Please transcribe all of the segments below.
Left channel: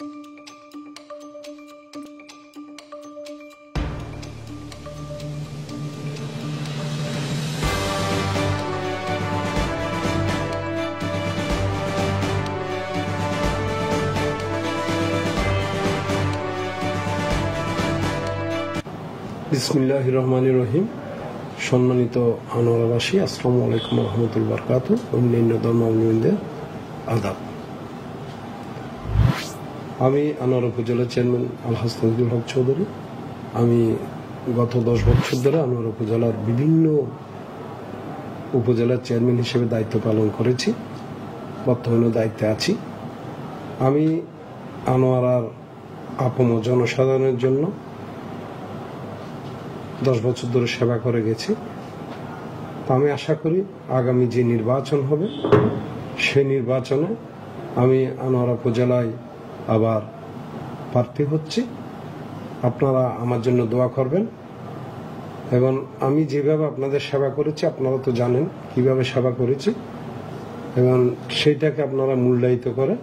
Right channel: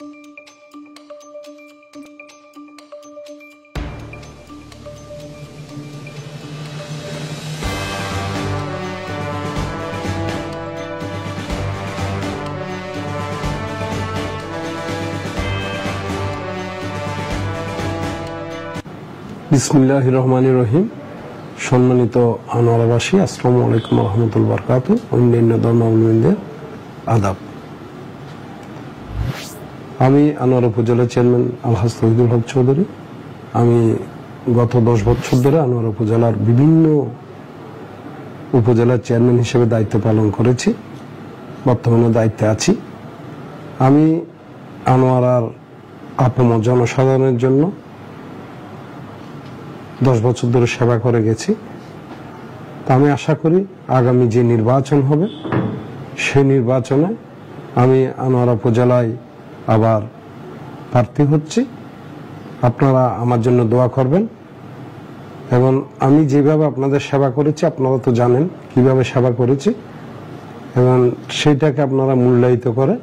বিসমিল্লাহির রহমানির রহিম। সম্মানিত আনোয়ারাবাসী, আসসালামু আলাইকুম ওয়া রাহমাতুল্লাহি ওয়া বারাকাতুহু। অন্যান্য ধর্মাবলম্বীদের আদাব। আমি আনোয়ারা উপজেলা চেয়ারম্যান আলহাজ তৌহিদুল হক চৌধুরী। আমি গত 10 বছর ধরে আনোয়ারা উপজেলার বিভিন্ন উপজেলার চেয়ারম্যান হিসেবে দায়িত্ব পালন করেছি, বর্তমানে দায়িত্বে আছি। আমি আনোয়ারার আপামর জনসাধারণের জন্য 10 বছর ধরে সেবা করে গেছি। আমি আশা করি আগামী যে নির্বাচন হবে সেই নির্বাচনে আমি আনোয়ারা উপজেলায় আবার প্রার্থী হচ্ছি। আপনারা আমার জন্য দোয়া করবেন এবং আমি যেভাবে আপনাদের সেবা করেছি, আপনারা তো জানেন কিভাবে সেবা করেছি, এবং সেইটাকে আপনারা মূল্যায়িত করে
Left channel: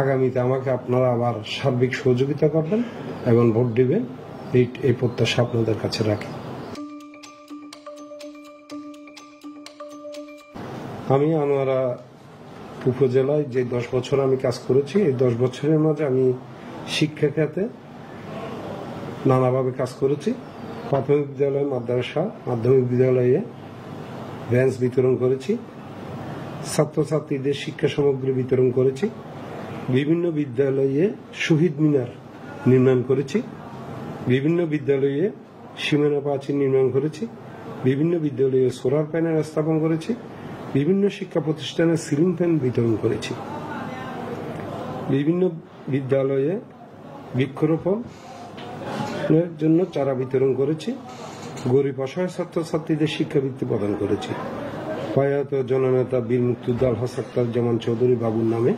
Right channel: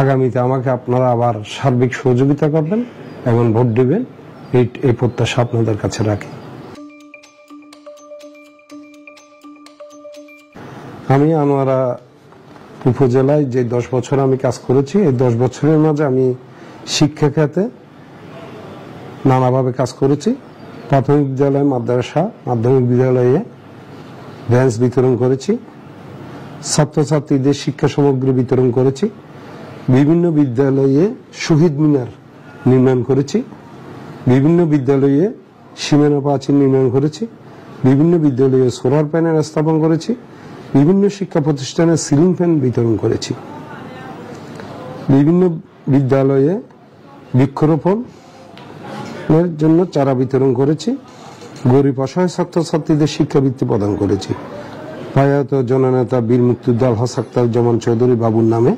আগামীতে আমাকে আপনারা আবার সার্বিক সহযোগিতা করবেন এবং ভোট দেবেন, এই প্রত্যাশা আপনাদের কাছে রাখি। আমি আনোয়ারা উপজেলায় যে 10 বছর আমি কাজ করেছি, এই 10 বছরের মাঝে আমি শিক্ষা খাতে নানাভাবে কাজ করেছি। প্রাথমিক বিদ্যালয়, মাদ্রাসা, মাধ্যমিক বিদ্যালয়ে বেঞ্চ বিতরণ করেছি, ছাত্রছাত্রীদের শিক্ষা সামগ্রী বিতরণ করেছি, বিভিন্ন বিদ্যালয়ে শহীদ মিনার নির্মাণ করেছি, বিভিন্ন বিদ্যালয়ে সীমানা প্রাচীর নির্মাণ করেছি, বিভিন্ন বিদ্যালয়ে সোলার প্যানেল স্থাপন করেছি, বিভিন্ন শিক্ষা প্রতিষ্ঠানে সিলিং ফ্যান বিতরণ করেছি, বিভিন্ন বিদ্যালয়ে বৃক্ষরোপণের জন্য চারা বিতরণ করেছি, গরিব অসহায় ছাত্রছাত্রীদের শিক্ষাবৃত্তি প্রদান করেছি। প্রয়াত জননেতা বীর মুক্তিযোদ্ধা আলহাজ আখতারুজ্জামান চৌধুরী বাবুর নামে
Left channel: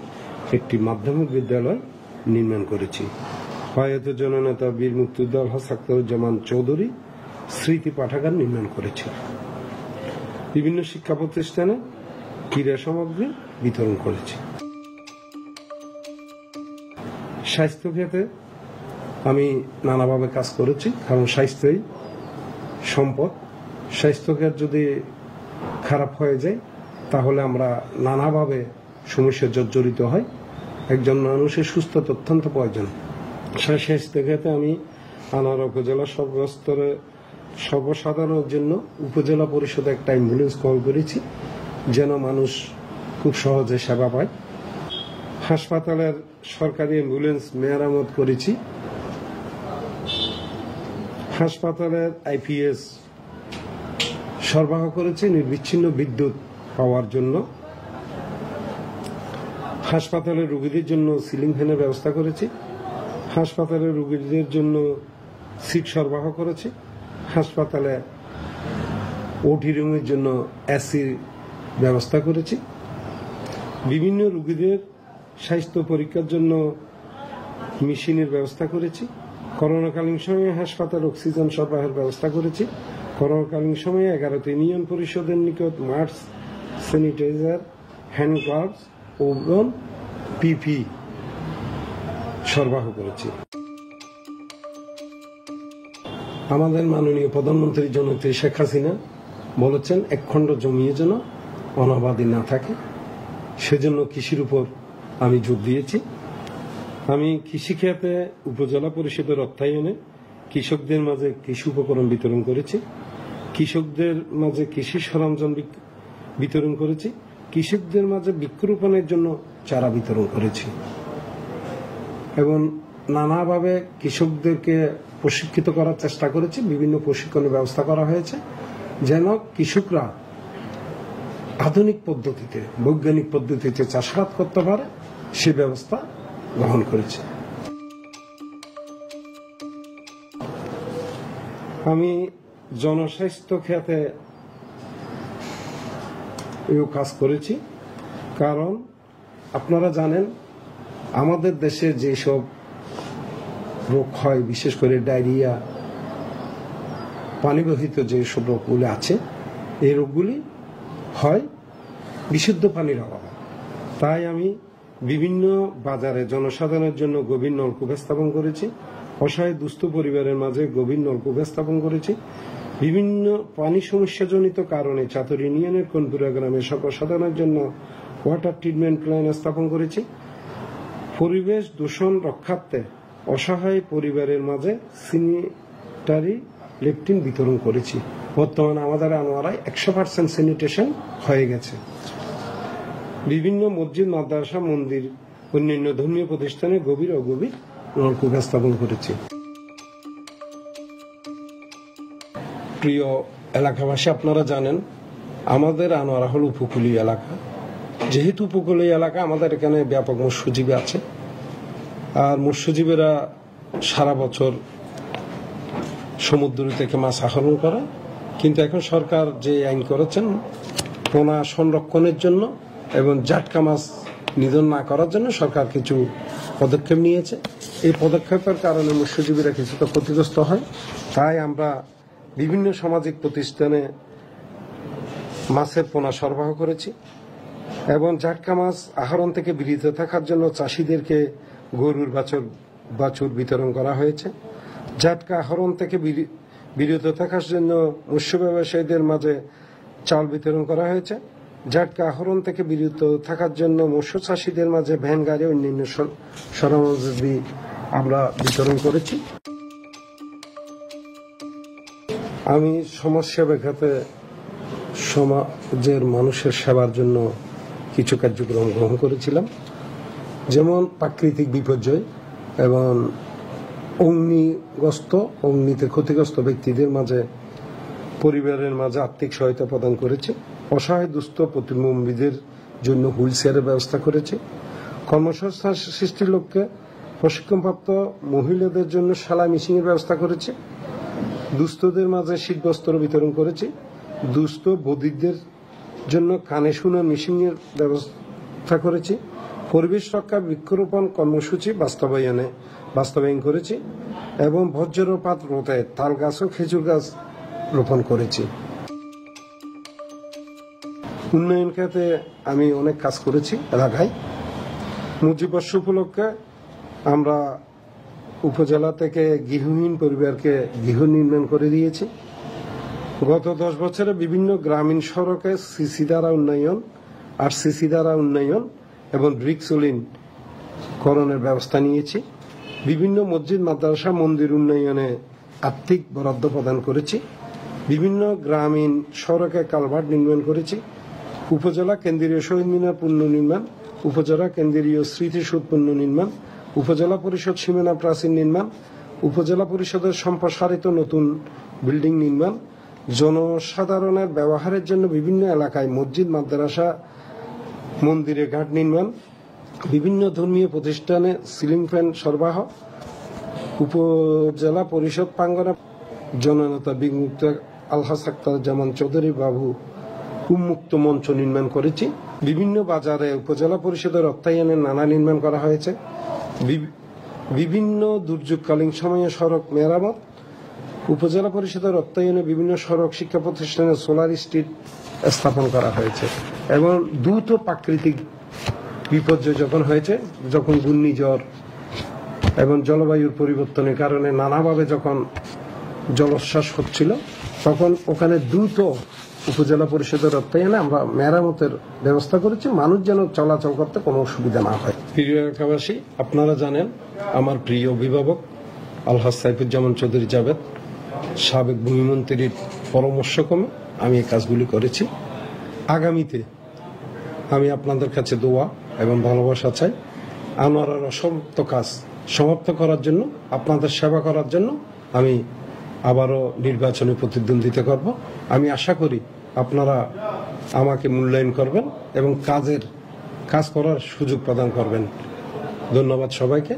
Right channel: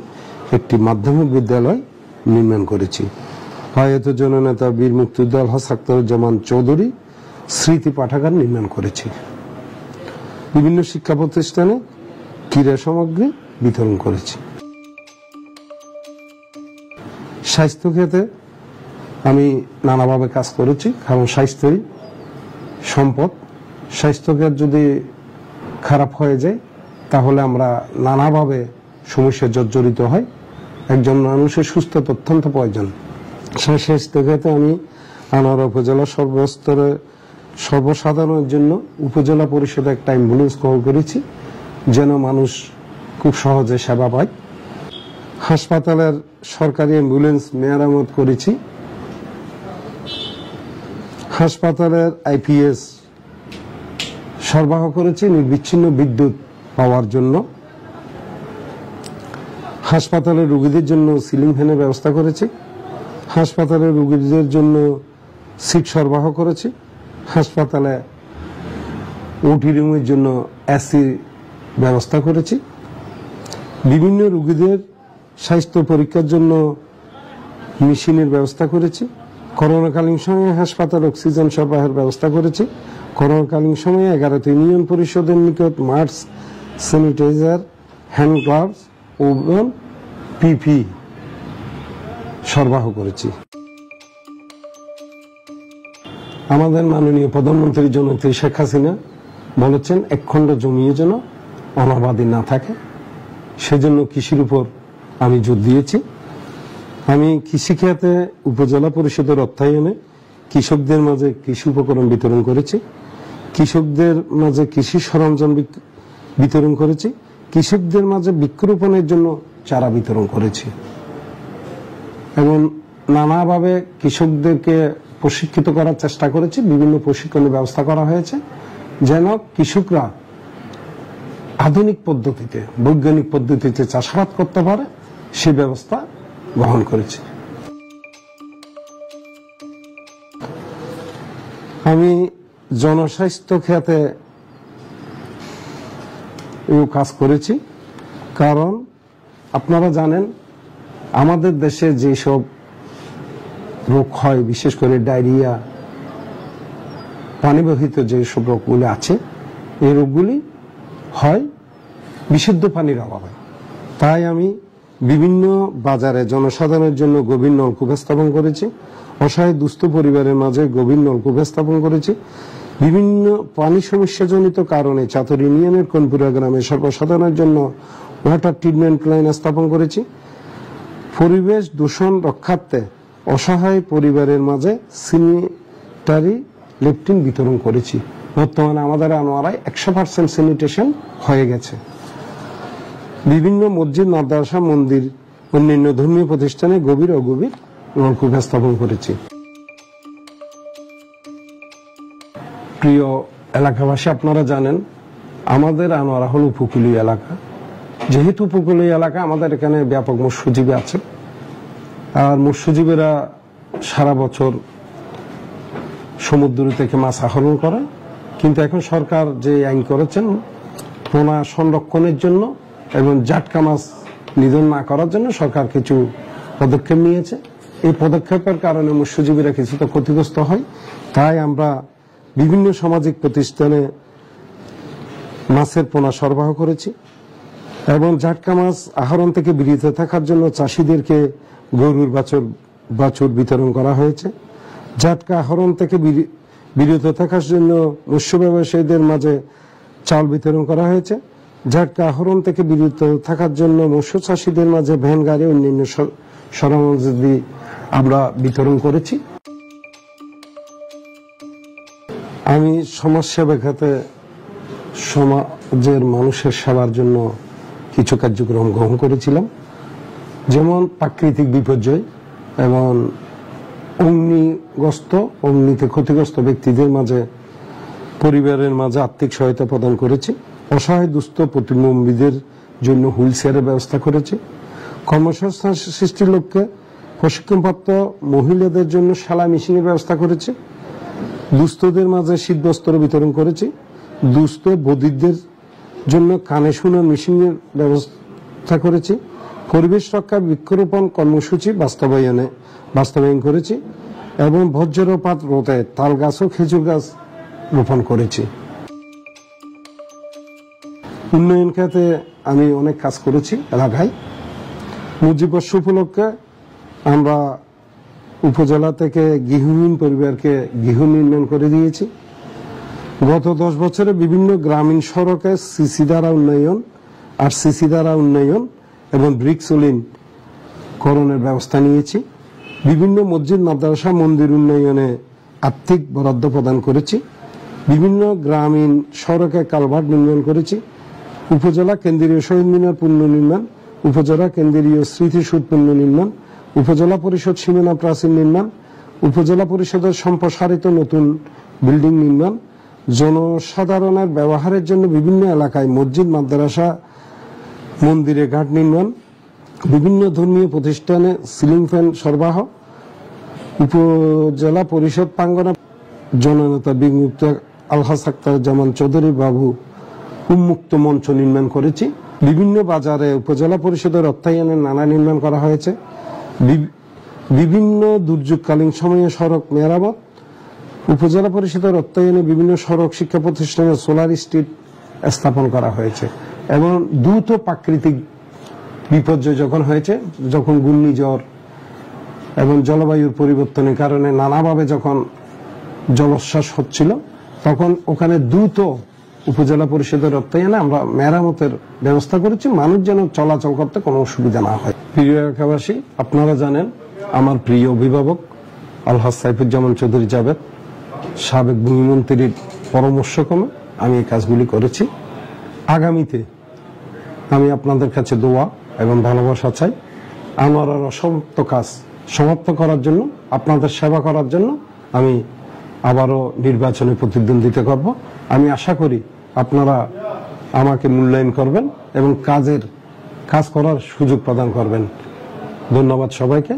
একটি মাধ্যমিক বিদ্যালয় নির্মাণ করেছি। প্রয়াত জননেতা বীর মুক্তিযোদ্ধা আলহাজ আখতারুজ্জামান চৌধুরী স্মৃতি পাঠাগার নির্মাণ করেছে। বিভিন্ন শিক্ষা প্রতিষ্ঠানে ক্রীড়া সামগ্রী বিতরণ করেছে। স্বাস্থ্য ক্ষেত্রে আমি নানাভাবে কাজ করেছি, কারণ স্বাস্থ্যই সম্পদ। স্বাস্থ্যক্ষেত্র যদি খারাপ হয়ে যায় তাহলে আমরা নানাভাবে সমস্যায় জর্জরিত হয়। একজন মানুষের সুস্থতা অত্যন্ত প্রয়োজন। সেই স্বাস্থ্যক্ষেত্রে আমি আনোয়ারা উপজেলার সর্বস্তরে সর্বসাধারণের জন্য উপজেলা পরিষদে একটা অ্যাম্বুলেন্স কল করেছি, যেন মানুষ খুব সহজে সেবা পায়। হাসপাতালের সরকারি অ্যাম্বুলেন্স মেরামত করেছি। হাসপাতালের আইপিএস সরবরাহ করেছি নির্বিচ্ছিন্ন বিদ্যুৎ পাওয়ার জন্য। হাসপাতালের রোগীদের জন্য সিলিং ফ্যানের ব্যবস্থা করেছি। হাসপাতালের রোগীদের জন্য সিট সরবরাহ করেছি। হাসপাতালে ওটি রুমের জন্য এসি ব্যবস্থা করেছি। বিভিন্ন রোগীদের স্বাস্থ্য পরীক্ষার জন্য মেশিনের ব্যবস্থা করেছি। করোনাকালীন সময়ে হাসপাতাল অক্সিজেন সরবরাহের ব্যবস্থা করেছি। করোনাকালীন সময়ে 11টি ইউনিয়ন পরিষদের নিকট মাস্ক, স্যানিটাইজার, হ্যান্ড গ্লাভস এবং পিপি সরবরাহ করেছি। আমাদের মাননীয় প্রধানমন্ত্রী জননেত্রী শেখ হাসিনা বলেছেন, একখণ্ড জমিও যেন অনাবাদি না থাকে, সেজন্য কৃষির উপর আমি জোর দিয়েছি। আমি কৃষিখাতে উপজেলা পরিষদের অর্থায়নে কৃষকদের মাঝে কৃষি উপকরণ বিতরণ করেছি, কৃষকদের মাঝে কৃষি সরঞ্জাম বিতরণ করেছি, কৃষকদের মাঝে বৃক্ষরোপণের জন্য চারা বিতরণ করেছি এবং নানাভাবে কৃষকদেরকে প্রশিক্ষিত করার চেষ্টা করেছি। বিভিন্ন প্রশিক্ষণের ব্যবস্থা করা হয়েছে যেন কৃষকরা আধুনিক পদ্ধতিতে, বৈজ্ঞানিক পদ্ধতিতে চাষাবাদ করতে পারে, সেই ব্যবস্থা গ্রহণ করেছে। আমি জনস্বাস্থ্য খাতে কাজ করেছি, কারণ আপনারা জানেন আমাদের দেশে যেসব রোগ হয়, বিশেষ করে ডায়রিয়া, পানিবাহিত যেসব রোগগুলি আছে, এই রোগগুলি হয় বিশুদ্ধ পানির অভাবে। তাই আমি বিভিন্ন বাজারে জনসাধারণের জন্য গভীর নলকূপ স্থাপন করেছি, অসহায় দুস্থ পরিবারের মাঝে গভীর নলকূপ স্থাপন করেছি, বিভিন্ন পানি সমস্যাজনিত কারণে চাতর ইউনিয়নের কনপুরা গ্রামে সর্বসাধারণের জন্য ওয়াটার ট্রিটমেন্ট লাইন স্থাপন করেছি, পরিবেশ দূষণ রক্ষার্থে অসহায় পরিবারের মাঝে স্যানিটারি ল্যাট্রিন বিতরণ করেছি। বর্তমানে আমাদের আনোয়ারায় 100% স্যানিটেশন হয়ে গেছে। বিভিন্ন মসজিদ, মাদ্রাসা, মন্দির, অন্যান্য ধর্মীয় প্রতিষ্ঠানে গভীর অগভীর নলকূপ স্থাপন করেছি। প্রিয় এলাকাবাসী, আপনারা জানেন আমাদের আনোয়ারা হল উপকূলীয় এলাকা। যেহেতু উপকূলীয় এলাকা, আমাদের এখানে ব্যাপক মৎস্যজীবী আছে, আর মৎস্যজীবীরা সারা বছর সমুদ্র থেকে মাছ আহরণ করে। কিন্তু এখন সরকার যে আইন করেছেন পোনা সংরক্ষণের জন্য এবং জাটকা মাছ নিধন না করার জন্য সরকার কিছু পদক্ষেপ নিয়েছে। এই পদক্ষেপের কারণে মৎস্যজীবীরা কিছুটা ক্ষতিগ্রস্ত হয়। তাই আমরা বিভিন্ন সামাজিক প্রতিষ্ঠানে মাছের পোনা সরবরাহ করেছি এবং জাটকা মাছ আহরণ থেকে বিরত থাকার জন্য চাষিদেরকে গরুর বাছুর বিতরণ করা হয়েছে। জাটকা আহরণ থেকে বিরত থাকার জন্য মৎস্য ব্যবসায়ীদের মাঝে চাল বিতরণ করা হয়েছে। জাটকা আহরণ থেকে বিরত থাকার জন্য মৎস্য চাষীদের মাঝে ভ্যান গাড়ি, অন্যান্য সরঞ্জামাদি আমরা বিতরণ করেছি। আমি সমাজসেবা খাতে সমাজের মানুষের সেবার জন্য কিছু কার্যক্রম গ্রহণ করেছিলাম, যেমন প্রাকৃতিক বিপর্যয় এবং অগ্নিতে ক্ষতিগ্রস্ত ব্যক্তিদের মাঝে পরিবারের মাঝে আর্থিক সহায়তা প্রদান করেছি। অসহায় দুস্থ প্রতিবন্ধীদের জন্য হুইল চেয়ারের ব্যবস্থা করেছি। কর্মসংস্থান সৃষ্টির লক্ষ্যে প্রশিক্ষণপ্রাপ্ত মহিলাদের জন্য সেলাই মেশিনের ব্যবস্থা করেছি। দুস্থদের মাঝে শীতবস্ত্র বিতরণ করেছি। দুস্থ বধিরদের জন্য কানে শোনার মেশিনের ব্যবস্থা করেছি। পরিবেশ রক্ষা বৃক্ষরোপণ কর্মসূচি বাস্তবায়ন করেছি এবং বজ্রপাত রোধে তাল গাছ ও খেজুর গাছ রোপণ করেছি। উন্নয়ন খাতে আমি অনেক কাজ করেছি এলাকায়। মুজিববর্ষ উপলক্ষে আমরা উপজেলা থেকে গৃহহীন পরিবারকে গৃহ নির্মাণ করে দিয়েছি। গত 10 বছরে বিভিন্ন গ্রামীণ সড়কে সিসি দ্বারা উন্নয়ন, আরসিসি দ্বারা উন্নয়ন এবং ব্রিকসলিন করণের ব্যবস্থা নিয়েছি। বিভিন্ন মসজিদ, মাদ্রাসা, মন্দির উন্নয়নে আর্থিক বরাদ্দ প্রদান করেছি। বিভিন্ন গ্রামীণ সড়কে কালভার্ট নির্মাণ করেছি। উপজেলা কেন্দ্রীয় শহীদ মিনার পুনর্নির্মাণ, উপজেলা কেন্দ্রীয় স্মৃতিসৌধ পুনর্নির্মাণ, উপজেলা পরিষদ সীমানা প্রাচীর নির্মাণ, উপজেলা পরিষদের সম্প্রসারিত নতুন বিল্ডিং নির্মাণ, জনসাধারণের ব্যবহারের জন্য বিভিন্ন এলাকায় মসজিদ, মাদ্রাসা, মন্দিরে ঘাট নির্মাণ, বিভিন্ন ধর্মীয় প্রতিষ্ঠানে সিলিং ফ্যান সরবরাহ, উপজেলা পরিষদ প্রাঙ্গণে জননেতা বিমুক্ত আলহাজ আখতারুজ্জামান চৌধুরী বাবু উন্মুক্ত মঞ্চ নির্মাণ করেছি। বিভিন্ন বাজারে উপজেলা পরিষদের অর্থায়নে নালা নির্মাণ করা হয়েছে। বিভিন্ন দুর্যোগকালীন সময়ে সড়ক মেরামত, উপজেলা পরিষদের অর্থায়নে বিভিন্ন সড়ক, শিক্ষা প্রতিষ্ঠানে সোলার স্ট্রিট স্থাপন করা হয়েছে। এবং দ্রুত প্রাকৃতিক বিপর্যয় যখন হয়েছে, যখন ঘূর্ণিঝড় এবং জলবায়ুর পরিবর্তনের কারণে নানাভাবে যখন জলোচ্ছ্বাস হচ্ছিল, তখন ওখানে দ্রুত উপজেলা পরিষদের অর্থায়নে আমরা মেরামতের ব্যবস্থা করেছি, মানুষ যেন চলাচল করতে কোনো অসুবিধা না হয়। প্রিয় এলাকাবাসী, আপনারা জানেন আমার প্রিয় অভিভাবক আলহাজ সাইফুজ্জামান চৌধুরী জাবেদ, সাবেক ভূমিমন্ত্রীর পরামর্শক্রমে আমি এই কাজগুলি করেছি। আগামীতে আমি আপনাদের কাছে দোয়া এবং ভালোবাসা চাই। আনোয়ারার অসমাপ্ত কাজ সমাপ্ত করার জন্য, আপনাদের সেবা করার জন্য আমি আবারও নির্বাচনে প্রতিদ্বন্দ্বিতা করব। আমি আশা করি আপনারা আমাকে মূল্যায়ন করবেন এবং কাজ করার সুযোগ প্রদান করবেন। ধন্যবাদ সবাইকে।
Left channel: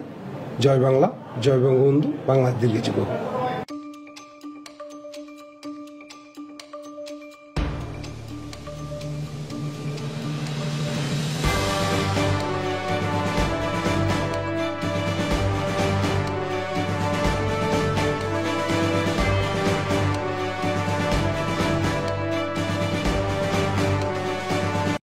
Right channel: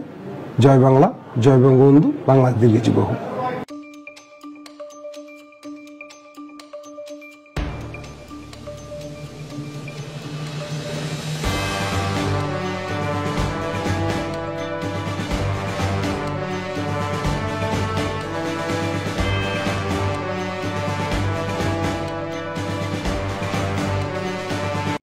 জয় বাংলা, জয় বঙ্গবন্ধু, বাংলার দিল্লি যুব।